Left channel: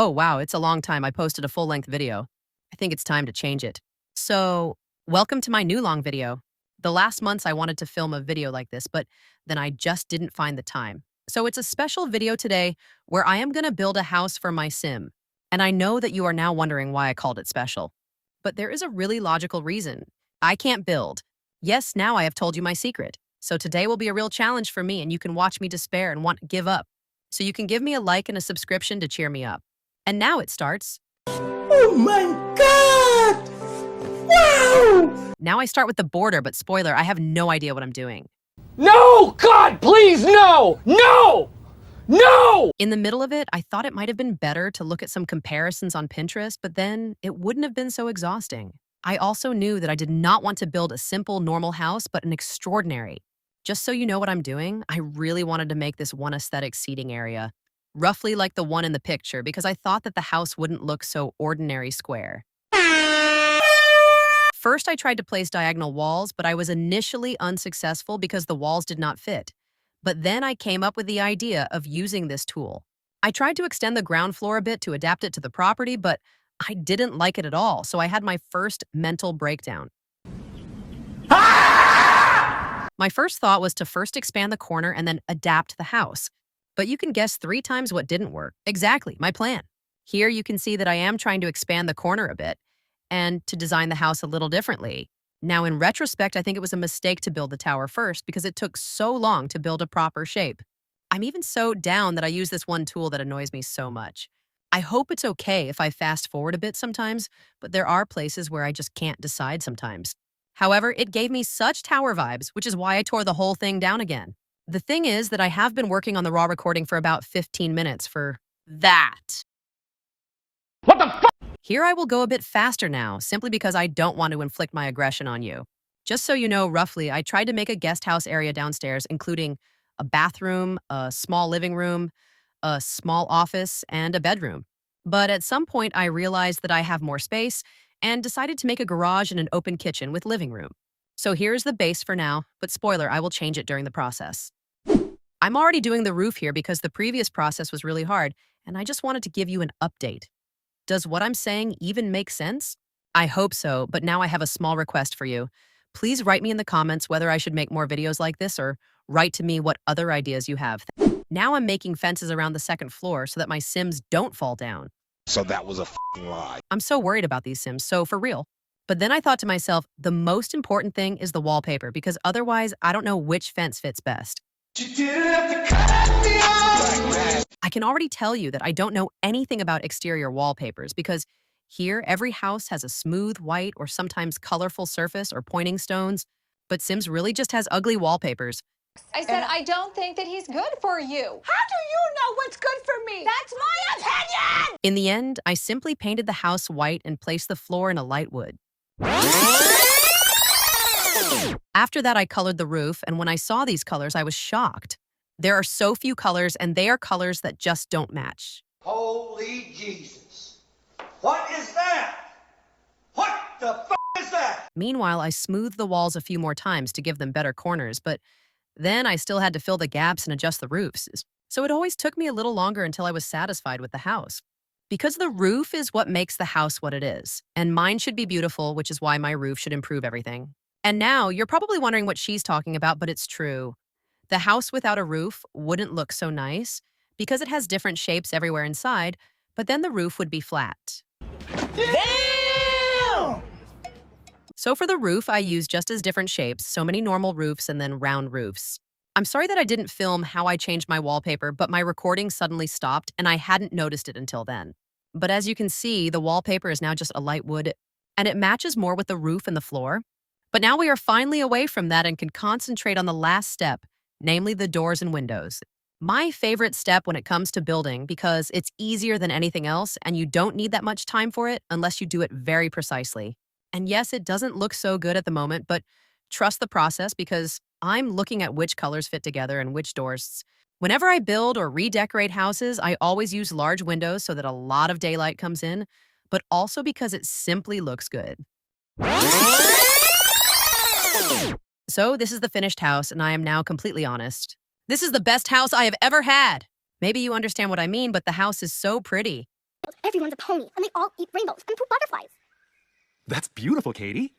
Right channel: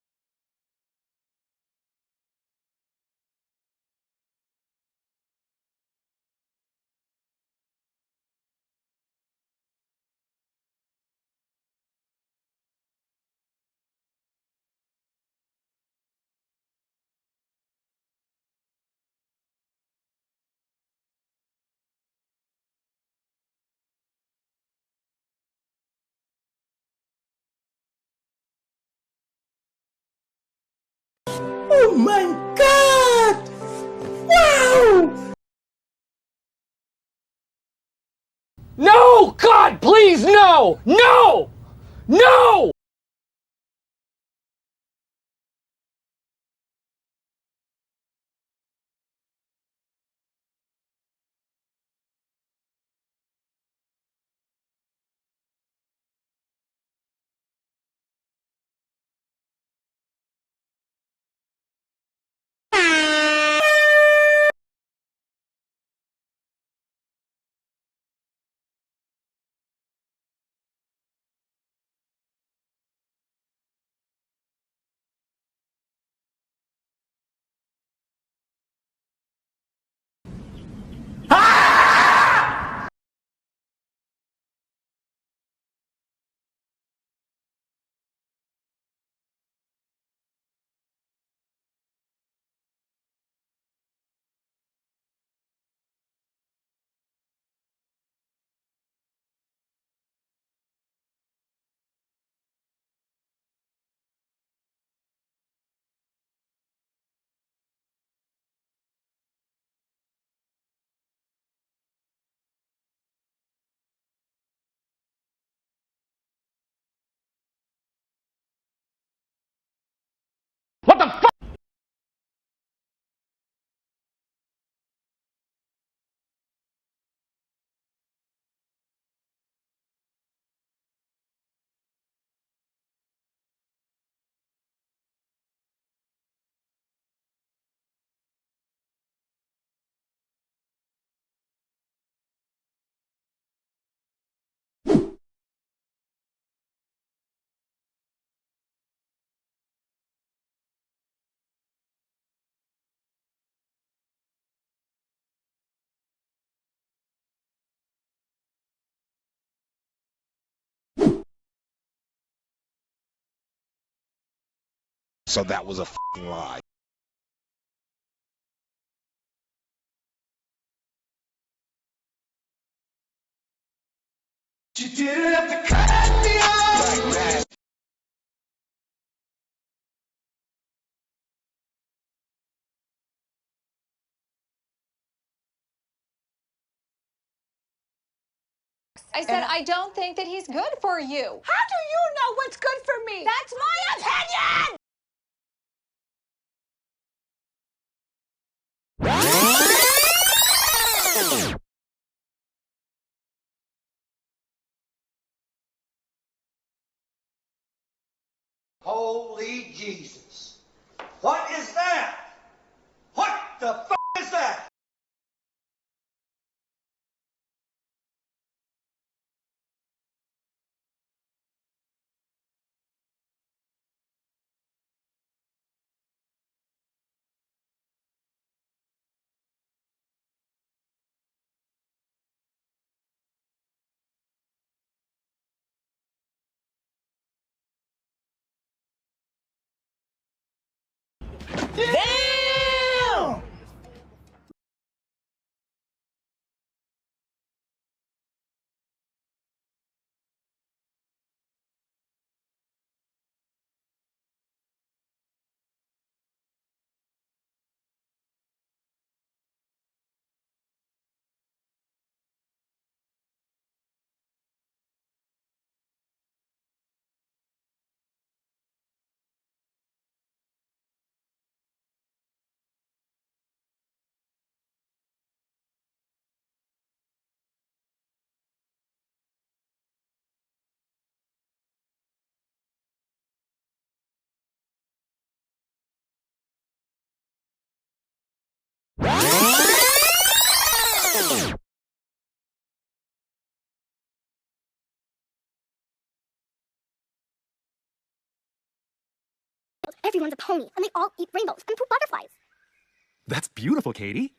Oh, wow, it's a long time. I posted a full-length video. I think it's time to change it. So, welcome to my new long video. The last months I wanted to film a video like this, but then I just didn't find the time. So it's a special video today where I am going to build a house for my sim. And I know that you are now wondering why I called it special. But there is a really logical reason. I can't build. Yes, now I have told you my secret. So today will be a real challenge for me and you can watch me despair and want to give up. So you can give me a like and a subscription to cheer me up. And now it starts. Oh my god! Wow! Now I start with the border, but spoiler, I have no idea what I'm doing. No! God, please, no! No! No! In the middle of it, I thought it might have been better to look at some comparisons on Pinterest, but then it wouldn't have been so exhausting. I also knew that I did not want to build a simple, normal house, but an extraordinary. Just so you know what I'm doing, I really wanted to make this one aesthetic seating area, roughly like the one in the picture, because I thought that the house wouldn't look so ordinary square. First, I tried to place diagonal walls, but I was initially unsuccessful because the walls did not fit. But then I came up with the idea of using this tool. I tried to extend the ground floor a bit to adapt it to the property, but I didn't like it at all, so I had my first mental breakdown. My first thought was to first expand the corner and then adapt the house. But you can guess 3 times what didn't work. Exactly, my plan. Here you can see that I am trying to expand the corner a bit and to design the house a little differently. Now, in retrospect, I think it was a mistake to build the tower first because it took so long to build a proper shape. I'm even so down that I use this one tool that annoys me so much. I hope it's okay if I fast forward a bit sometimes, but there are places where I just can't decide sometimes. However, it gave me such tower vibes, which is why I tore the whole thing down again. The thing is that I have been working on the raw recording for about 15 minutes for that. What the fuck? Here I will go a bit faster now, simply because I don't want to inflict my aggression on you. Just so you know, roughly, I tried to make a guest house area downstairs, including a bathroom, a small living room, a small office, and a bedroom. But at some point, I realized that I have more space and decided to make a garage and an open kitchen with living room. So here's the base for now, but spoiler, I will change it during the process. I'm already doing the roof here because the previous process was really hard, and I just wanted to give you an update. Does what I'm saying even make sense? I hope so, but now I have a small request for you. Please write me in the comments whether I should make more videos like this or write to me what other ideas you have. Now I'm making fences around the second floor so that my Sims don't fall down. So that was a f***ing lie. I'm so worried about these Sims, so for real. But then I thought to myself, the most important thing is the wallpaper because otherwise I don't know which fence fits best. You didn't have to cut me off! I can already tell you that I don't know anything about exterior wallpapers because here every house has a smooth white or sometimes colorful surface or pointing stones, but Sims really just has ugly wallpapers. I said, I don't think that he's good for you. How do you know what's good for me? That's my opinion! In the end, I simply painted the house white and placed the floor in a light wood. After that, I colored the roof, and when I saw these colors, I was shocked. There are so few colors, and they are colors that just don't match. Holy Jesus. What is that? What the f*** is that? Meanwhile, I smoothed the walls a few more times to give them better corners, but then I still had to fill the gaps and adjust the roofs. So it always took me a little longer until I was satisfied with the house. Because the roof is what makes the house what it is, and mine should be beautiful, which is why my roof should improve everything. And now, you're probably wondering what she's talking about, but it's true. The house without a roof wouldn't look so nice because it has different shapes everywhere inside, but then the roof would be flat. Damn! So for the roof, I used just as different shapes, so many normal roofs and then round roofs. I'm sorry that I didn't film how I changed my wallpaper, but my recording suddenly stopped and I hadn't noticed it until then. But as you can see, the wallpaper is now just a light wood and it matches more with the roof and the floor. But now we are finally away from that and can concentrate on the last step, namely the doors and windows. My favorite step when it comes to building because it's easier than anything else and you don't need that much time for it unless you do it very precisely. And yes, it doesn't look so good at the moment, but trust the process because I'm looking at which colors fit together and which doors. Whenever I build or redecorate houses, I always use large windows so that a lot of daylight comes in, but also because it simply looks good. So this is the finished house, and I am now completely honest. This is the best house I have ever had. Maybe you understand what I mean, but the house is so pretty. Everyone's a pony, and they all eat rainbows and poop butterflies. That's beautiful, Katie.